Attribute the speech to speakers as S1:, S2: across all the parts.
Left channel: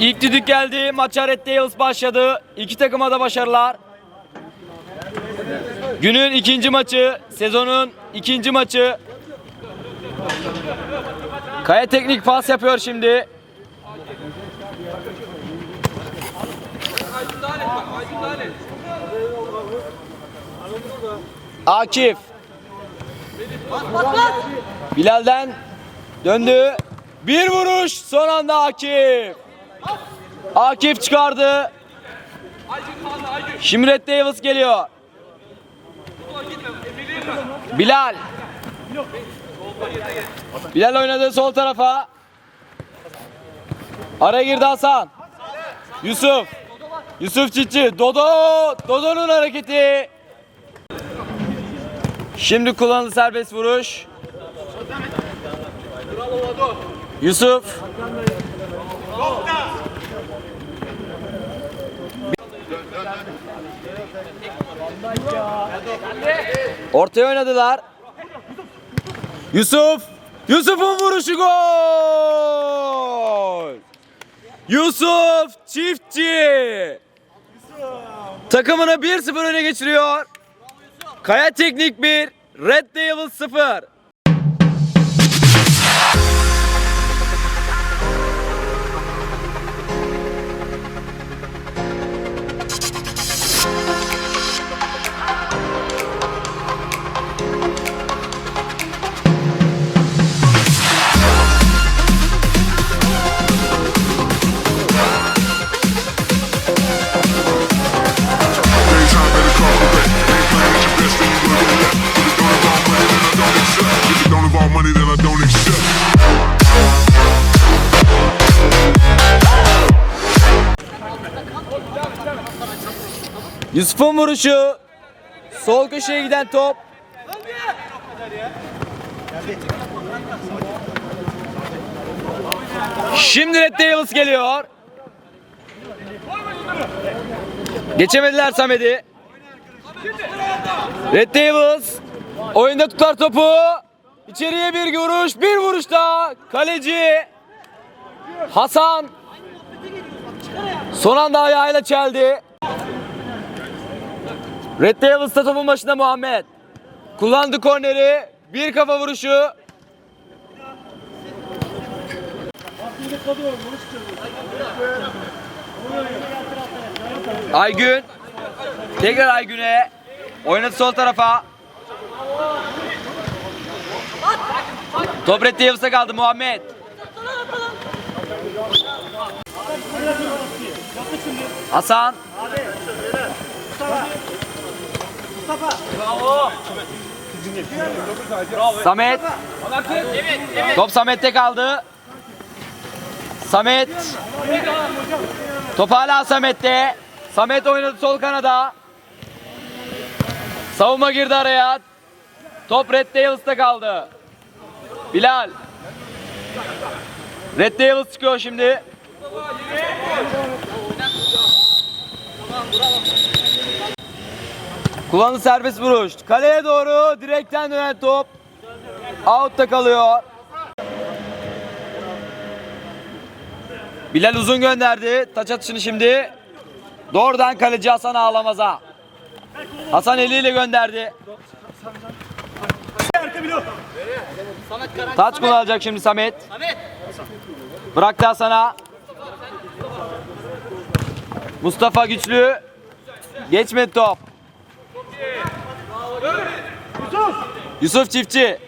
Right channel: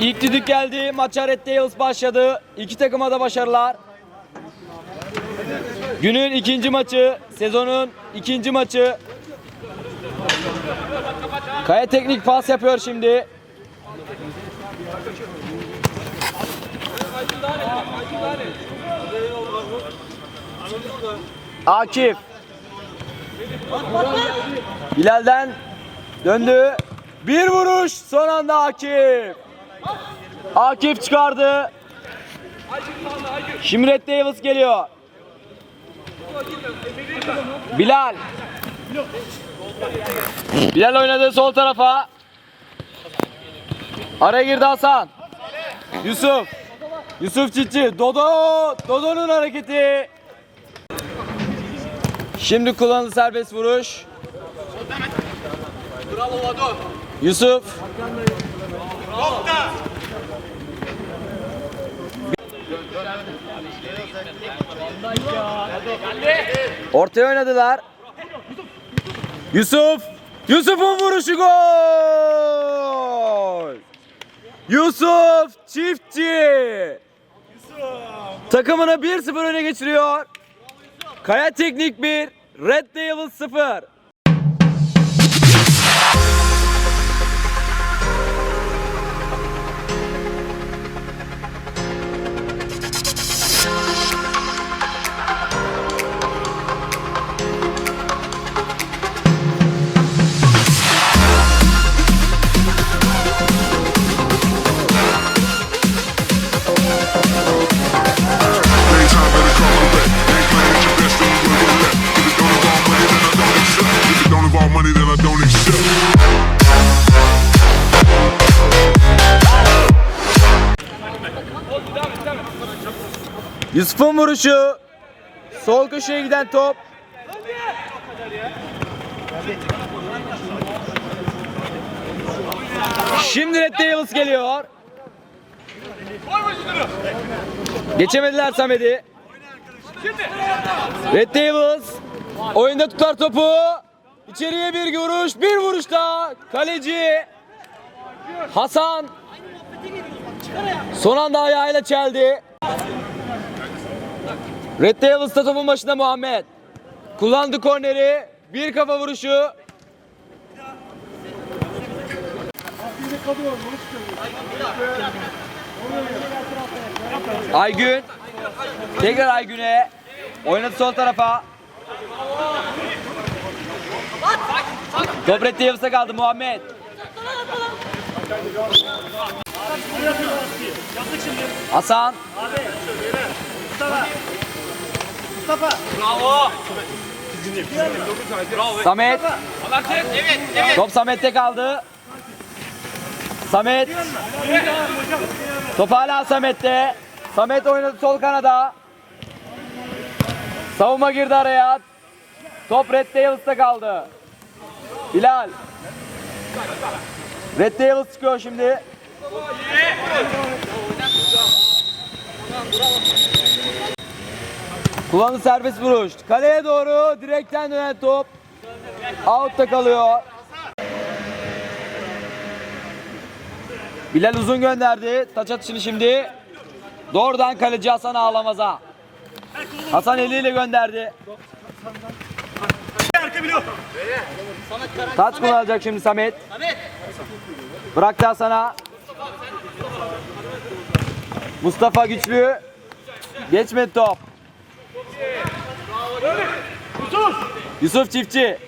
S1: İlk düdük geldi. Maça Red Devils başladı. İki takıma da başarılar. Günün ikinci maçı, sezonun ikinci maçı. Kaya teknik pas yapıyor şimdi. Akif. Bilal'den döndü. Bir vuruş son anda Akif. Akif çıkardı. Şimdi Red Devils geliyor. Bilal. Bilal oynadı sol tarafa. Araya girdi Hasan. Yusuf. Yusuf Çiçi. Dodo. Dodo'nun hareketi. Şimdi kullanıldı serbest vuruş. Yusuf. Ortaya oynadılar. Yusuf. Yusuf'un vuruşu gol. Yusuf çiftçi. Takımını 1-0 öne geçiriyor. Kaya Teknik 1, Red Devils 0.
S2: don't involve money, then I don't accept.
S1: Yusuf'un vuruşu. Sol köşeye giden top. Şimdi Red Devils geliyor. Geçemediler Samet'i. Red Devils oyunda tutar topu. İçeriye bir vuruş, bir vuruş daha. Kaleci Hasan son anda ayağıyla çeldi. Red Devils'ta topun başında Muhammed. Kullandı korneri. Bir kafa vuruşu. Aygün. Tekrar Aygün'e. Oynadı sol tarafa. Top Red Devils'ta kaldı Muhammed. Hasan. Samet. Top Samet'te kaldı. Samet. Top hala Samet'te. Samet oynadı sol kanada. Savunma girdi araya. Top Red Devils'ta kaldı. Bilal. Red Devils çıkıyor şimdi. Kullandı serbest vuruş. Kaleye doğru direkten dönen top. Out'ta kalıyor. Bilal uzun gönderdi. Taç atışını şimdi. Doğrudan kaleci Hasan Ağlamaz'a. Hasan eliyle gönderdi. Taç kullanacak şimdi Samet. Bıraktı Hasan'a. Mustafa güçlü. Geçmedi top. Yusuf Çiftçi.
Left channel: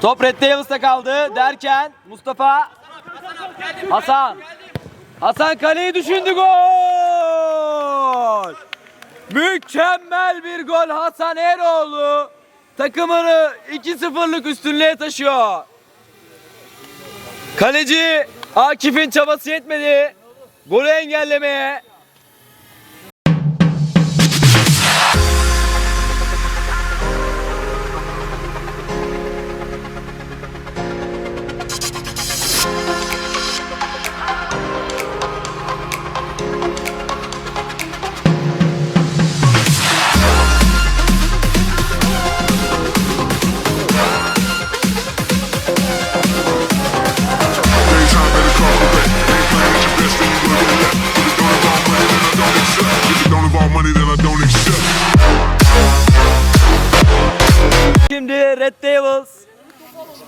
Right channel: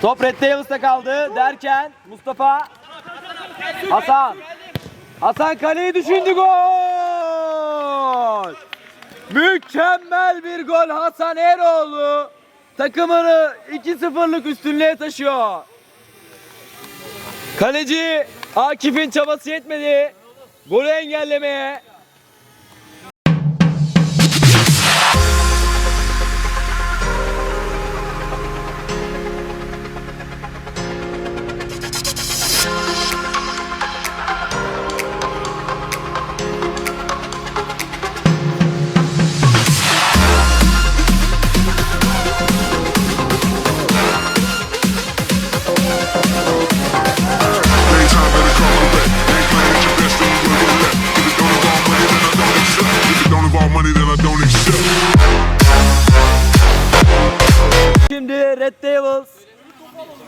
S1: Top Red Devils'ta kaldı derken Mustafa Hasan. Hasan kaleyi düşündü gol. Mükemmel bir gol Hasan Eroğlu. Takımını 2-0'lık üstünlüğe taşıyor. Kaleci Akif'in çabası yetmedi. Golü engellemeye.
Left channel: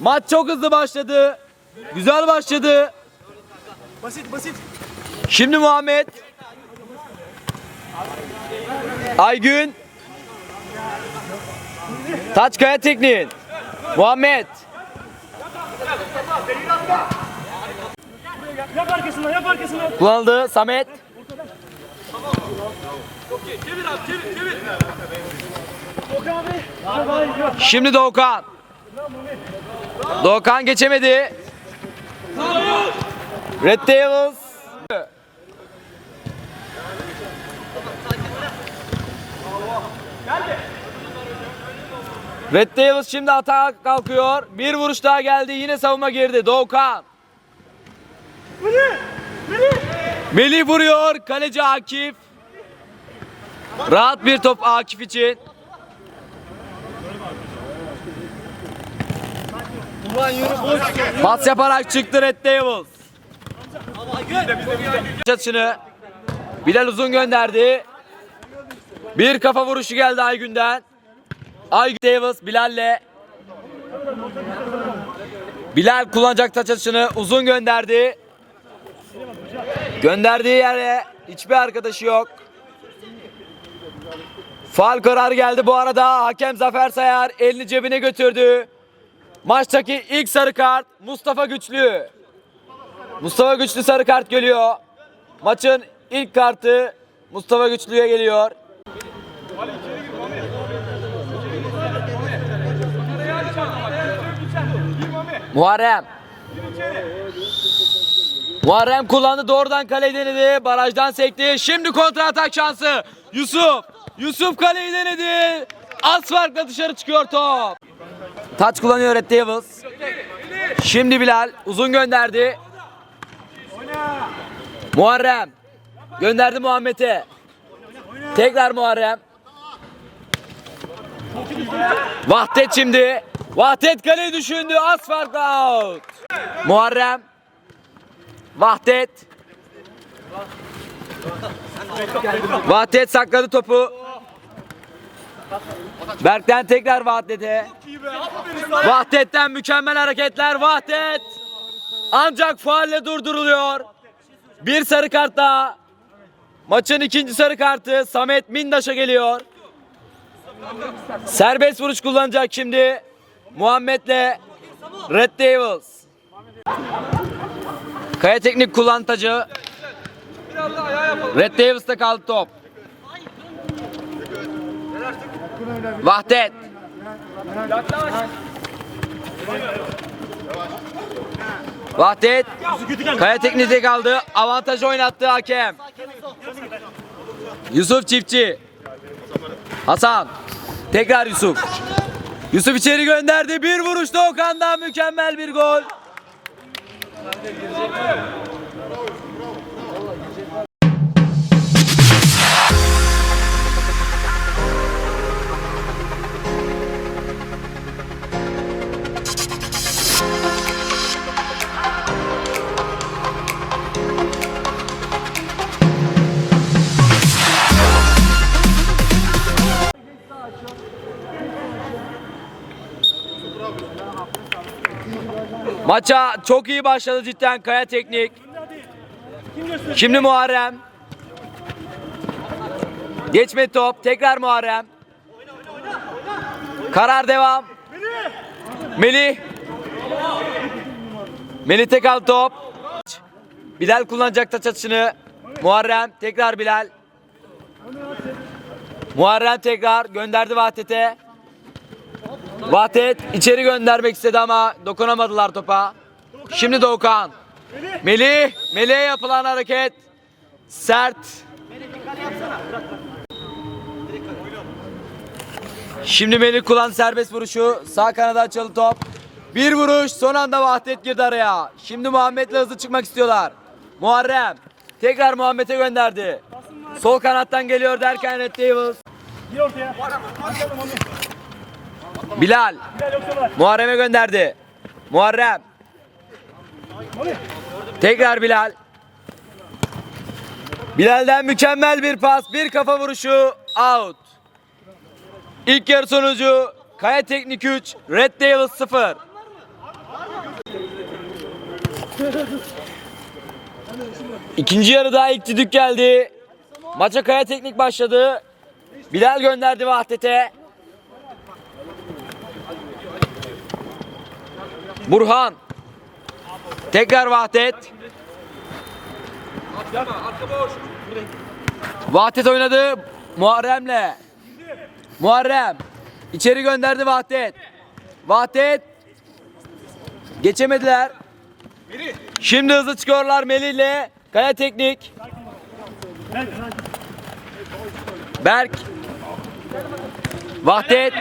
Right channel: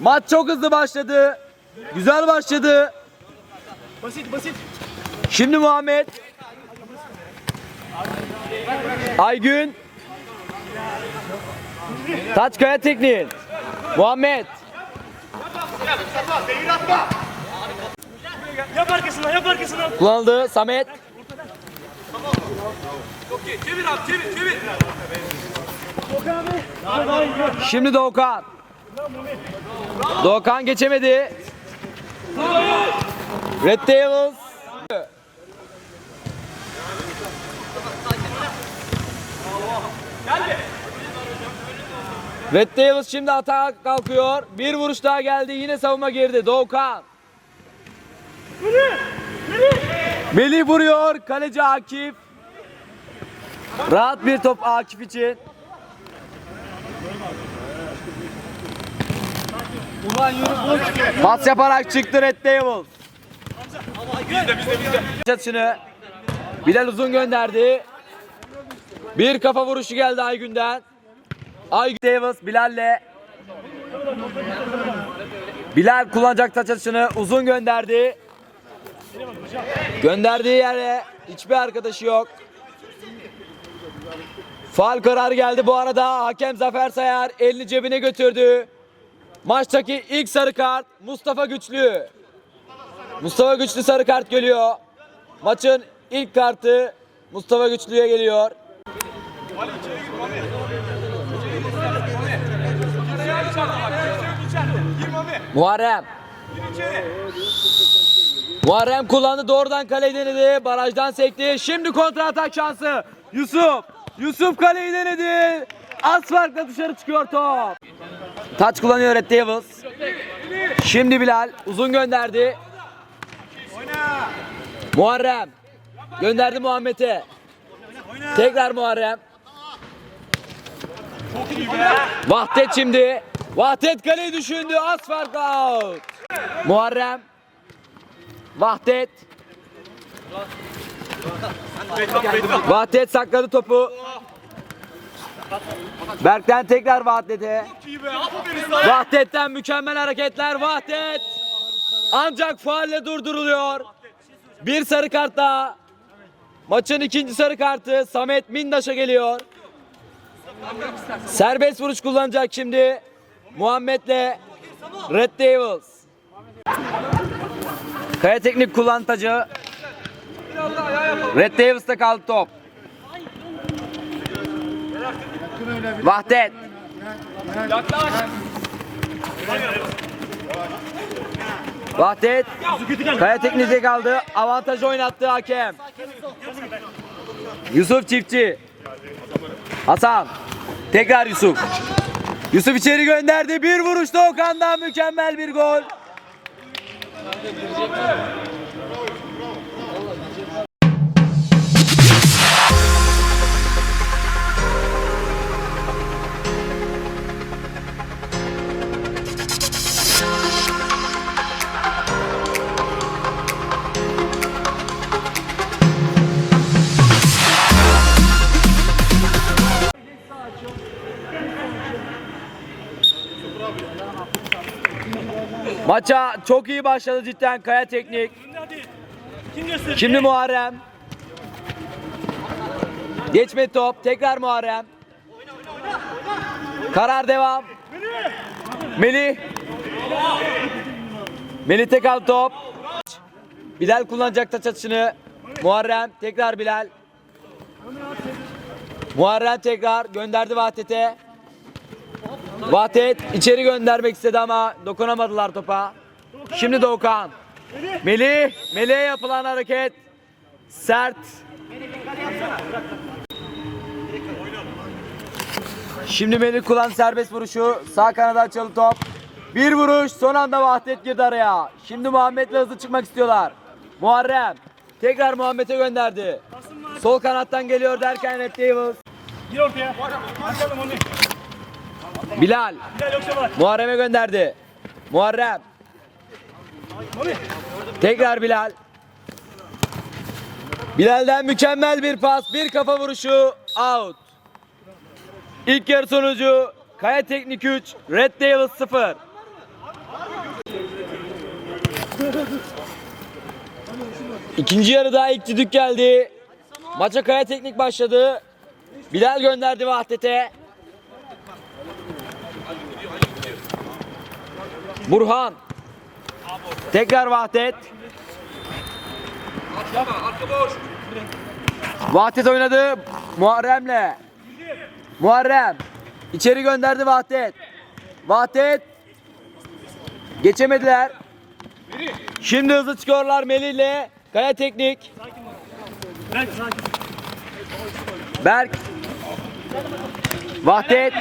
S1: Maç çok hızlı başladı. Güzel başladı.
S3: Basit basit.
S1: Şimdi Muhammed. Aygün. Taç kaya tekniğin. Muhammed.
S3: Yap arkasından yap arkasından.
S1: Kullanıldı. Samet. Şimdi Doğukan. Doğukan geçemedi. Red Devils. Red Devils şimdi atağa kalkıyor. Bir vuruş daha geldi. Yine savunma girdi. Doğukan. Melih vuruyor. Kaleci Akif. Rahat bir top Akif için. Pas yaparak çıktı Red Devils. Çatışını Bilal uzun gönderdi. Bir kafa vuruşu geldi Aygün'den. Aygün Devils Bilal'le Bilal kullanacak taç atışını uzun gönderdi. Gönderdiği yere hiçbir arkadaşı yok. Faal kararı geldi bu arada. Hakem Zafer Sayar elini cebine götürdü. Maçtaki ilk sarı kart Mustafa Güçlü. Mustafa Güçlü sarı kart geliyor. Maçın ilk kartı Mustafa Güçlü'ye geliyor. Muharrem. Muharrem kullandı doğrudan kaleyi denedi. Barajdan sekti. Şimdi kontra atak şansı. Yusuf. Yusuf kaleyi denedi. Az farkla dışarı çıkıyor top. Taç kullanıyor Red Devils. Şimdi Bilal uzun gönderdi. Muharrem. Gönderdi Muhammed'e. Tekrar Muharrem. Vahdet şimdi. Vahdet kaleyi düşündü. Az farkla out. Muharrem. Vahdet. Vahdet sakladı topu. Berk'ten tekrar Vahdet'e. Vahdet'ten mükemmel hareketler. Vahdet. Ancak faalle durduruluyor. Bir sarı kart daha. Maçın ikinci sarı kartı Samet Mindaş'a geliyor. Serbest vuruş kullanacak şimdi. Muhammed'le Red Devils. Kaya teknik kullanıcı. Red Davis'te kaldı top. Vahdet. Vahdet. Kaya teknikte kaldı. Avantaj oynattı hakem. Yusuf Çiftçi. Hasan. Tekrar Yusuf. Yusuf içeri gönderdi. Bir vuruşta Okan'dan mükemmel bir gol. Maça çok iyi başladı cidden Kaya Teknik. Şimdi Muharrem. Geçme top. Tekrar Muharrem. Karar devam. Melih. Melih tek al top. Bilal kullanacak taç atışını. Muharrem. Tekrar Bilal. Muharrem tekrar gönderdi Vahdet'e. Vahdet içeri göndermek istedi ama dokunamadılar topa. Şimdi Doğukan. Melih, Melih'e yapılan hareket sert. Şimdi Melih kullan serbest vuruşu. Sağ kanada açılı top. Bir vuruş son anda Vahdet girdi araya. Şimdi Muhammed'le hızlı çıkmak istiyorlar. Muharrem tekrar Muhammed'e gönderdi. Sol kanattan geliyor derken Red Devils.
S3: Gir ortaya.
S1: Bilal. Muharrem'e gönderdi. Muharrem. Tekrar Bilal. Bilal'den mükemmel bir pas, bir kafa vuruşu, out. İlk yarı sonucu Kaya Teknik 3, Red Devils 0. İkinci yarıda ilk düdük geldi. Maça Kaya Teknik başladı. Bilal gönderdi Vahdet'e. Burhan. Tekrar Vahdet. Vahdet oynadı Muharrem'le. Muharrem. içeri gönderdi Vahdet. Vahdet. Geçemediler. Şimdi hızlı çıkıyorlar Melih ile Kaya Teknik. Berk. Vahdet.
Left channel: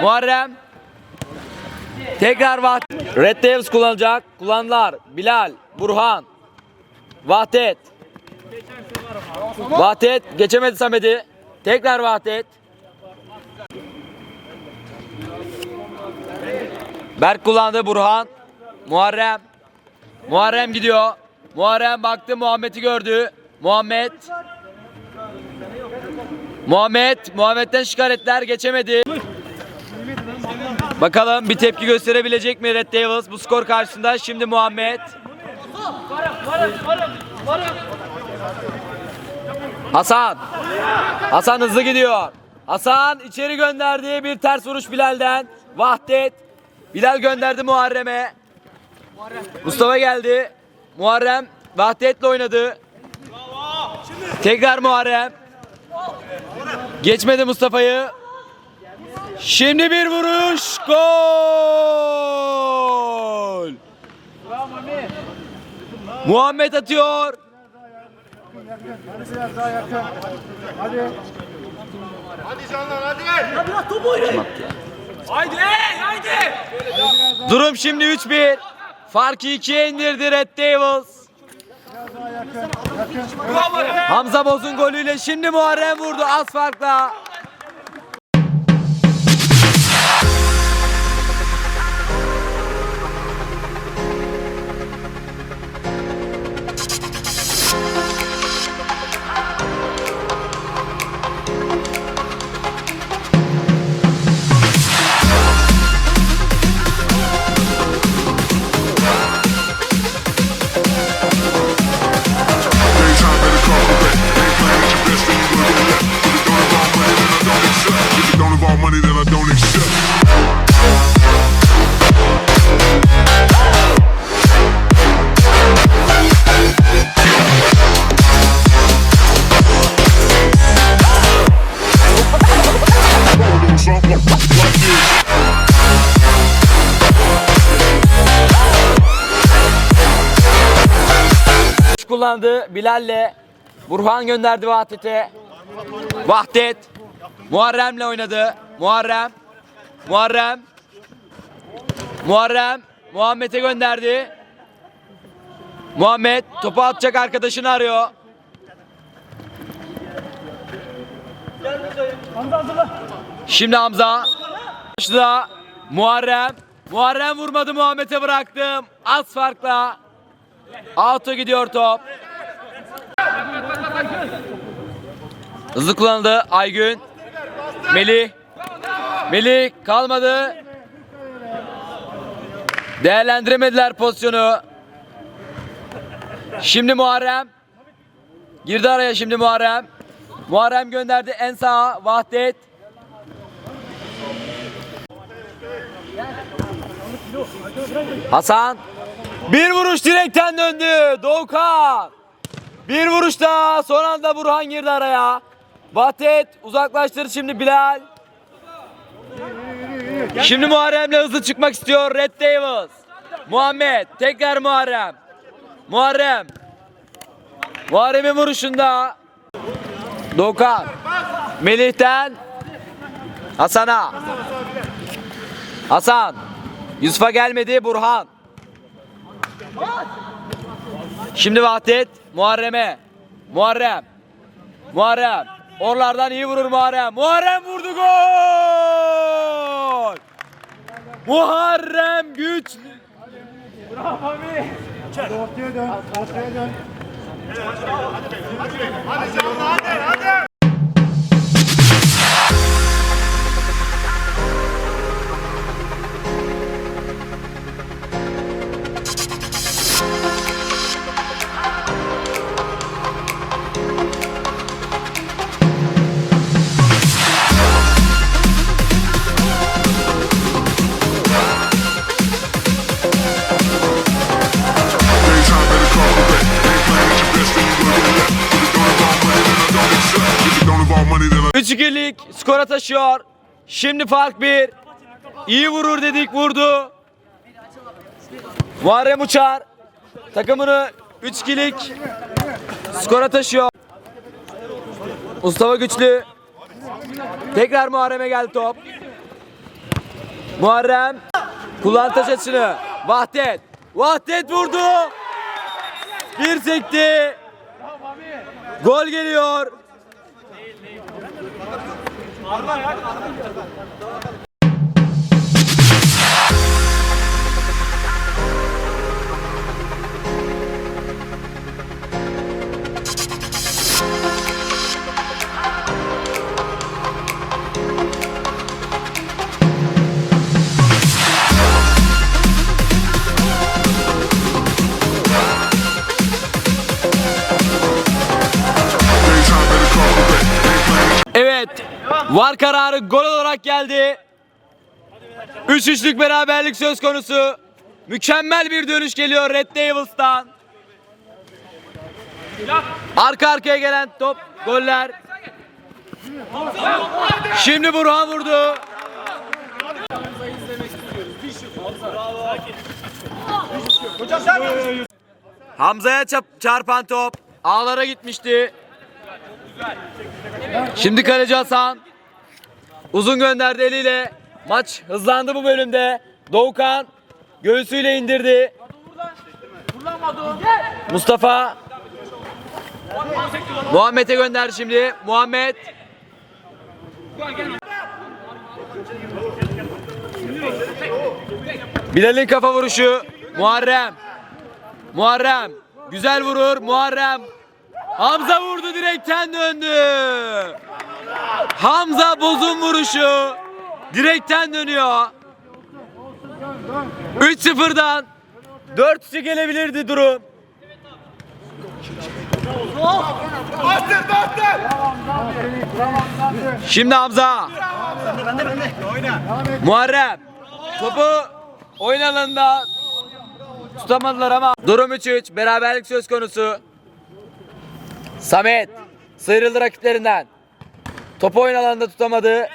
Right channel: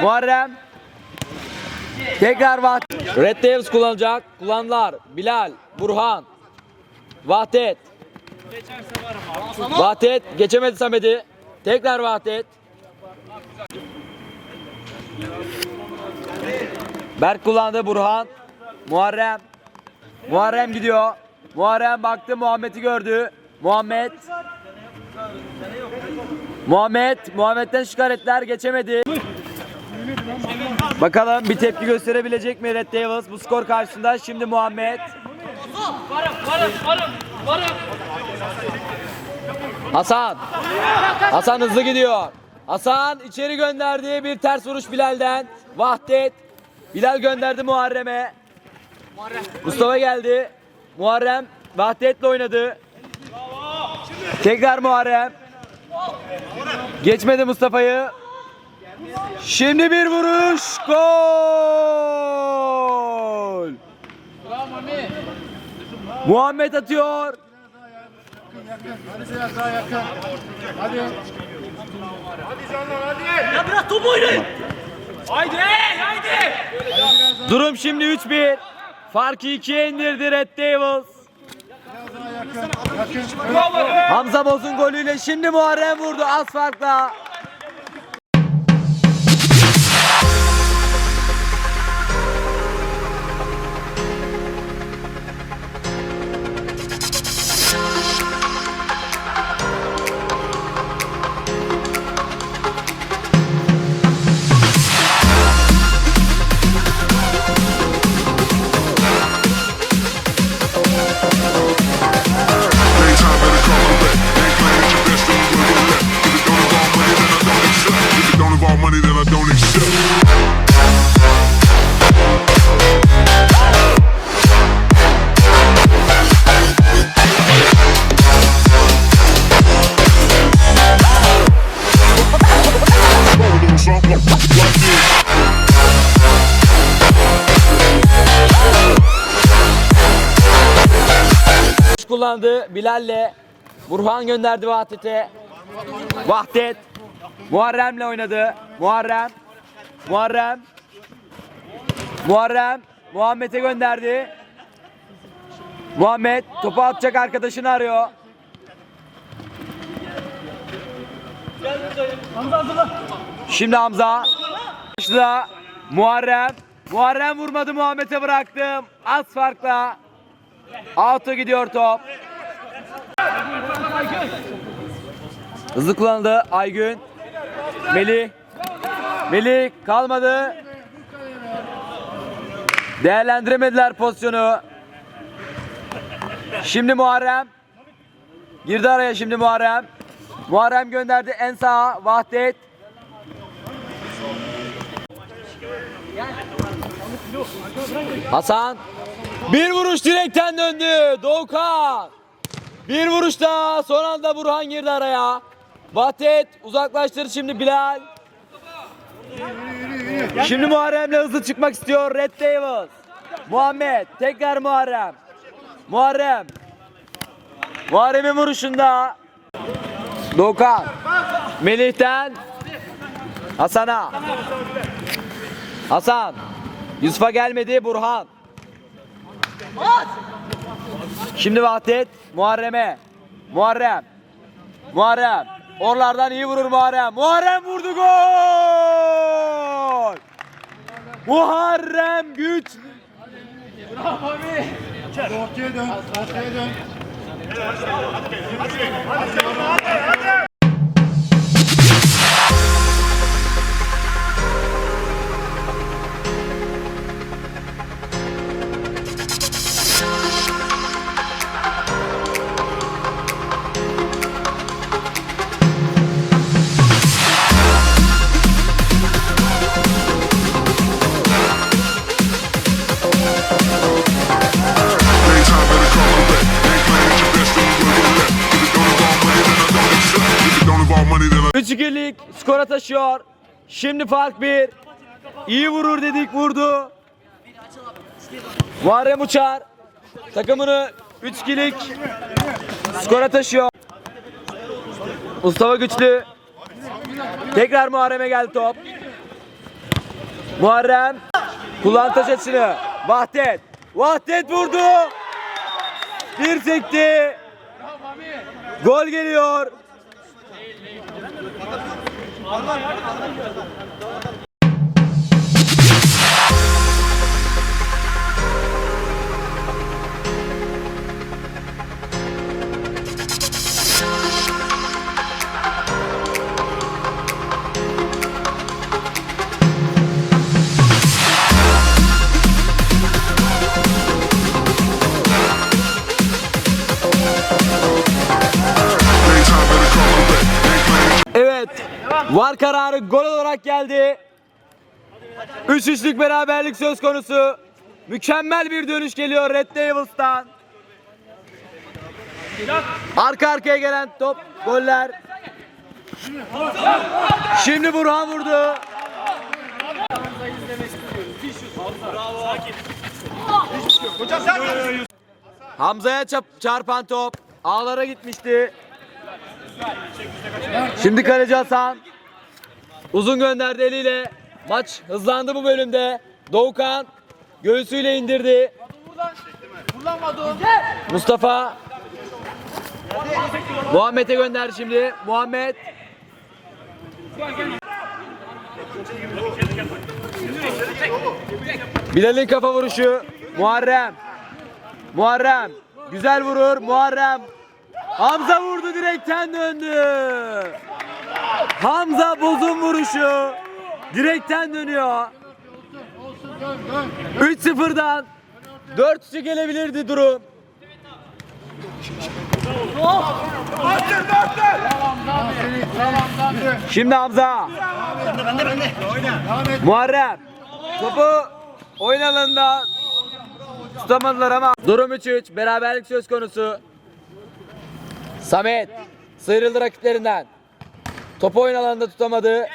S1: Muharrem. Tekrar Vahdet. Red Devils kullanacak. Kullandılar. Bilal. Burhan. Vahdet. Vahdet. Geçemedi Samet'i. Tekrar Vahdet. Berk kullandı Burhan. Muharrem. Muharrem gidiyor. Muharrem baktı Muhammed'i gördü. Muhammed. Muhammed. Muhammed'den şikayetler geçemedi. Bakalım bir tepki gösterebilecek mi Red Devils bu skor karşısında? Şimdi Muhammed. Hasan. Hasan hızlı gidiyor. Hasan içeri gönderdi bir ters vuruş Bilal'den. Vahdet. Bilal gönderdi Muharrem'e. Mustafa geldi. Muharrem Vahdet'le oynadı. Tekrar Muharrem. Geçmedi Mustafa'yı. Şimdi bir vuruş. Gol. Muhammed atıyor. Durum şimdi 3-1. Farkı 2'ye indirdi Red Devils. Hamza Boz'un golüyle şimdi Muharrem vurdu az farkla.
S2: Accept. If it don't involve money, then I don't accept.
S1: Kullandı Bilal'le. Burhan gönderdi Vahdet'e. Vahdet. Muharrem'le oynadı. Muharrem. Muharrem. Muharrem. Muhammed'e gönderdi. Muhammed topu atacak arkadaşını arıyor. Şimdi Hamza. Başla. Muharrem. Muharrem vurmadı Muhammed'e bıraktım. Az farkla. Out'a gidiyor top. Hızlı kullanıldı Aygün. Melih. Melih kalmadı. Değerlendiremediler pozisyonu. Şimdi Muharrem. Girdi araya şimdi Muharrem. Muharrem gönderdi en sağa. Vahdet. Hasan. Bir vuruş direkten döndü. Doğukan. Bir vuruş daha. Son anda Burhan girdi araya. Vahdet uzaklaştırdı şimdi Bilal. Şimdi Muharrem'le hızlı çıkmak istiyor Red Devils. Muhammed. Tekrar Muharrem. Muharrem. Muharrem'in vuruşunda. Doğukan. Melih'ten Hasan'a. Hasan. Yusuf'a gelmedi Burhan. Şimdi Vahdet Muharrem'e. Muharrem. Muharrem. Oralardan iyi vurur Muharrem. Muharrem vurdu gol. Muharrem güç.
S4: Ortaya dön, ortaya dön.
S2: Daytime
S1: Şimdi fark 1. İyi vurur dedik vurdu. Muharrem Uçar takımını 3-2'lik skora taşıyor. Mustafa Güçlü. Tekrar Muharrem'e geldi top. Muharrem kullan taş açısını. Vahdet. Vahdet vurdu. Bir sekti. Gol geliyor.
S2: Daytime
S1: Evet. Var kararı gol olarak geldi. 3-3'lük beraberlik söz konusu. Mükemmel bir dönüş geliyor Red Devils'tan. Arka arkaya gelen top, goller. Şimdi Burhan vurdu. Hamza'ya çarpan top ağlara gitmişti. Şimdi kaleci Hasan. Uzun gönderdi eliyle. Maç hızlandı bu bölümde. Doğukan göğsüyle indirdi. Mustafa Muhammed'e gönderdi şimdi. Muhammed Bilal'in kafa vuruşu. Muharrem. Muharrem. Güzel vurur. Muharrem. Hamza vurdu direkten döndü. Hamza bozun vuruşu. Direkten dönüyor. 3-0'dan 4-3'e gelebilirdi durum. Şimdi Hamza. Muharrem. Topu oyun alanında tutamadılar ama durum 3-3. Beraberlik söz konusu. Samet sıyrıldı rakiplerinden. Topu oyun alanında tutamadı.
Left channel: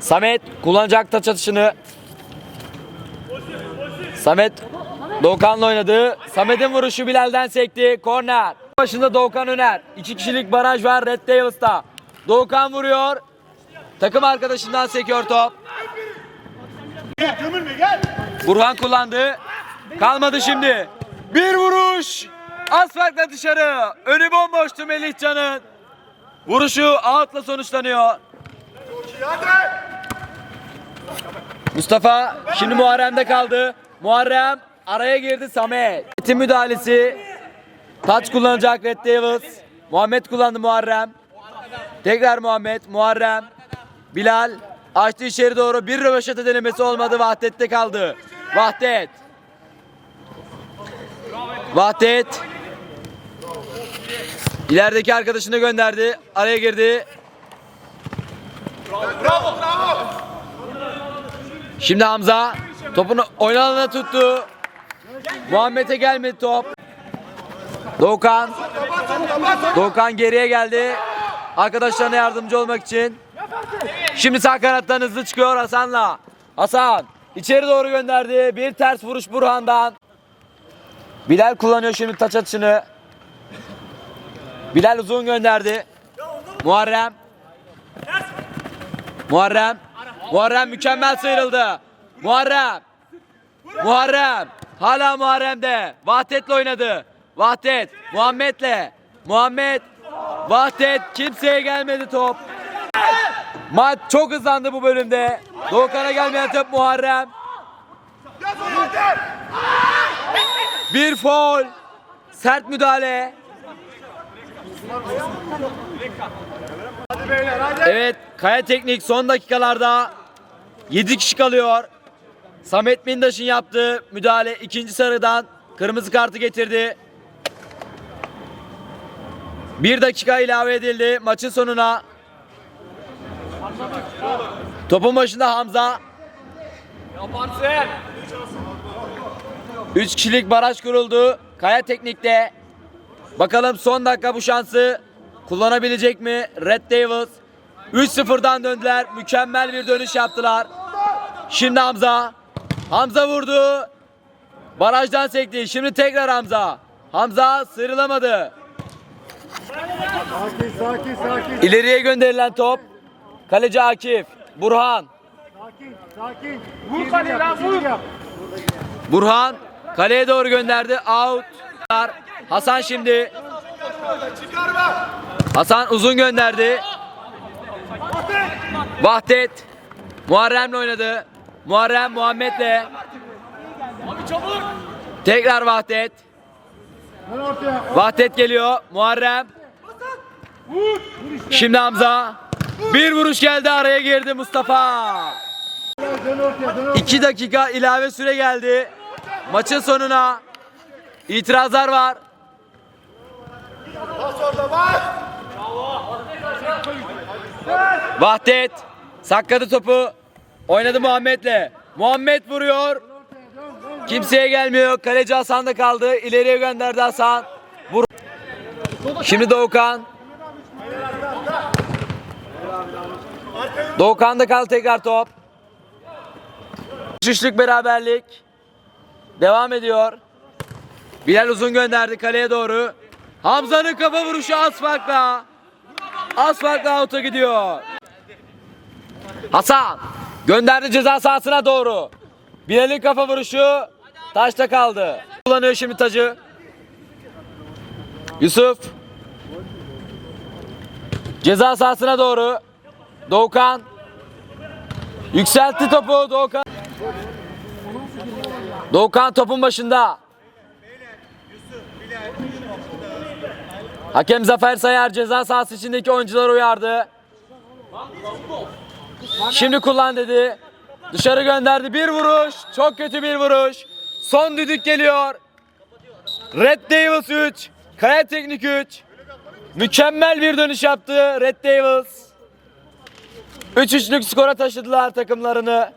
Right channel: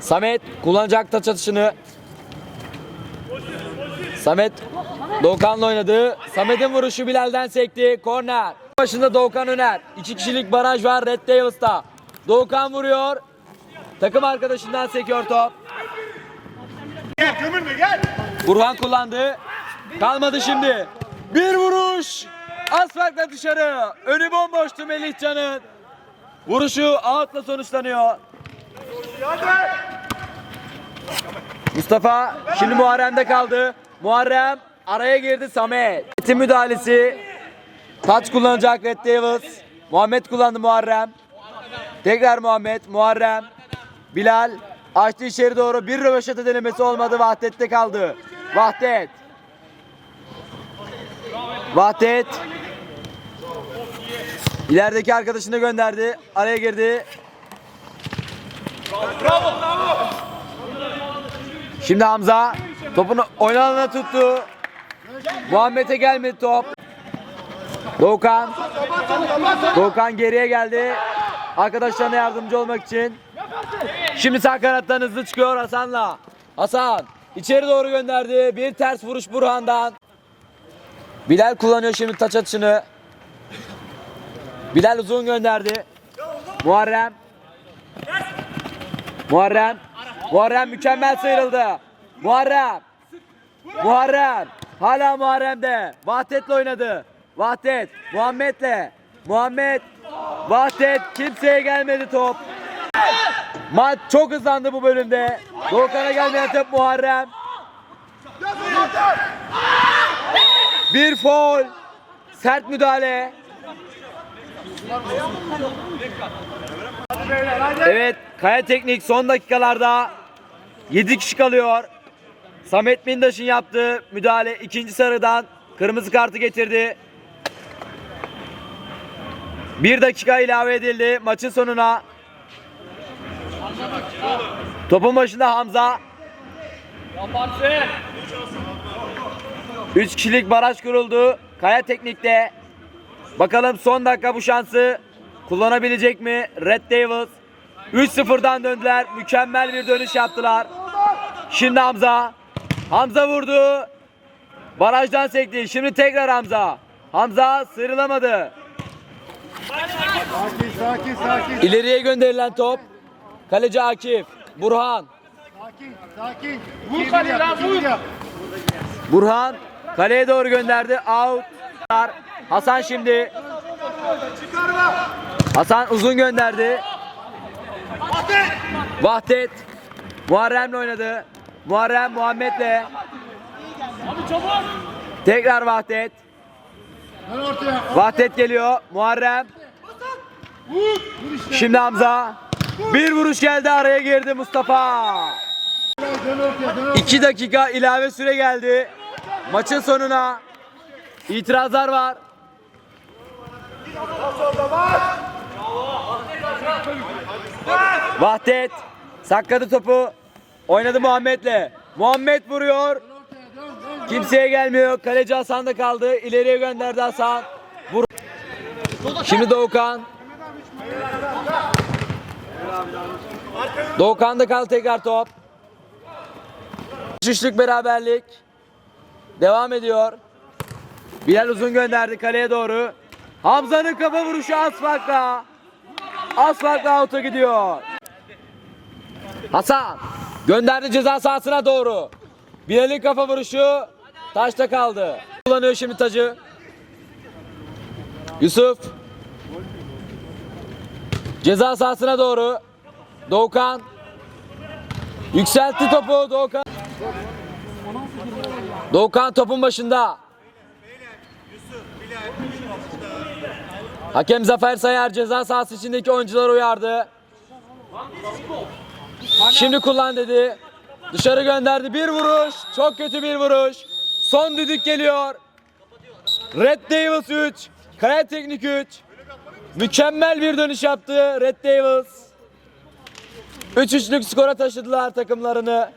S1: Samet kullanacak taç atışını. Samet Doğukan'la oynadı. Samet'in vuruşu Bilal'den sekti. Korner. Başında Doğukan Öner. İki kişilik baraj var Red Devils'ta. Doğukan vuruyor. Takım arkadaşından sekiyor top.
S3: Gel gömülme gel.
S1: Burhan kullandı. Kalmadı şimdi. Bir vuruş. Az farkla dışarı. Önü bomboştu Melihcan'ın. Vuruşu outla sonuçlanıyor. Mustafa şimdi Muharrem'de kaldı. Muharrem araya girdi Samet. Metin müdahalesi. Taç kullanacak Red Devils. Muhammed kullandı Muharrem. Tekrar Muhammed, Muharrem, Bilal açtı içeri doğru bir röveşata denemesi olmadı. Vahdet'te kaldı. Vahdet. Vahdet. İlerideki arkadaşını gönderdi. Araya girdi. Şimdi Hamza topunu oynanana tuttu. Muhammed'e gelmedi top. Doğukan. Doğukan geriye geldi. Arkadaşlarına yardımcı olmak için. Şimdi sağ kanattan hızlı çıkıyor Hasan'la. Hasan içeri doğru gönderdi. Bir ters vuruş Burhan'dan. Bilal kullanıyor şimdi taç atışını. Bilal uzun gönderdi. Muharrem. Muharrem. Muharrem mükemmel sıyrıldı. Muharrem. Muharrem. Hala Muharrem'de. Vahdet'le oynadı. Vahdet. Muhammed'le. Muhammed. Vahdet. Kimseye gelmedi top. Maç çok hızlandı bu bölümde. Doğukan'a gelmeyen top Muharrem. Bir foul. Sert müdahale. Evet, Kaya Teknik son dakikalarda 7 kişi kalıyor. Samet Mindaş'ın yaptığı müdahale ikinci sarıdan kırmızı kartı getirdi. Bir dakika ilave edildi maçın sonuna. Topun başında Hamza. Üç kişilik baraj kuruldu. Kaya Teknik'te. Bakalım son dakika bu şansı kullanabilecek mi? Red Devils 3-0'dan döndüler. Mükemmel bir dönüş yaptılar. Şimdi Hamza. Hamza vurdu. Barajdan sekti. Şimdi tekrar Hamza. Hamza sıyrılamadı.
S4: Sakin sakin sakin.
S1: İleriye gönderilen top. Kaleci Akif. Burhan.
S4: Sakin sakin. Vur kaleye vur.
S1: Burhan kaleye doğru gönderdi. Out. Hasan şimdi. Hasan uzun gönderdi. Vahdet. Muharrem'le oynadı. Muharrem Muhammed'le. Tekrar Vahdet. Vahdet geliyor. Muharrem. Şimdi Hamza. Bir vuruş geldi araya girdi Mustafa.
S4: Dön ortaya dön ortaya.
S1: 2 dakika ilave süre geldi. Maçın sonuna itirazlar var. Vahdet sakladı topu. Oynadı Muhammed'le. Muhammed vuruyor. Kimseye gelmiyor. Kaleci Hasan da kaldı. İleriye gönderdi Hasan. Vur. Şimdi Doğukan. Doğukan'da kaldı tekrar top. Üçlük beraberlik devam ediyor. Bilal uzun gönderdi kaleye doğru. Hamza'nın kafa vuruşu asfaltla. Asfaltla out'a gidiyor. Hasan gönderdi ceza sahasına doğru. Bilal'in kafa vuruşu taşta kaldı. Kullanıyor şimdi tacı. Yusuf. Ceza sahasına doğru. Doğukan. Yükseltti topu Doğukan. Doğukan topun başında. Hakem Zafer Sayar ceza sahası içindeki oyuncuları uyardı. Şimdi kullan dedi. Dışarı gönderdi. Bir vuruş. Çok kötü bir vuruş. Son düdük geliyor. Red Devils 3. Kaya Teknik 3. Mükemmel bir dönüş yaptı Red Devils. 3-3'lük skora taşıdılar takımlarını.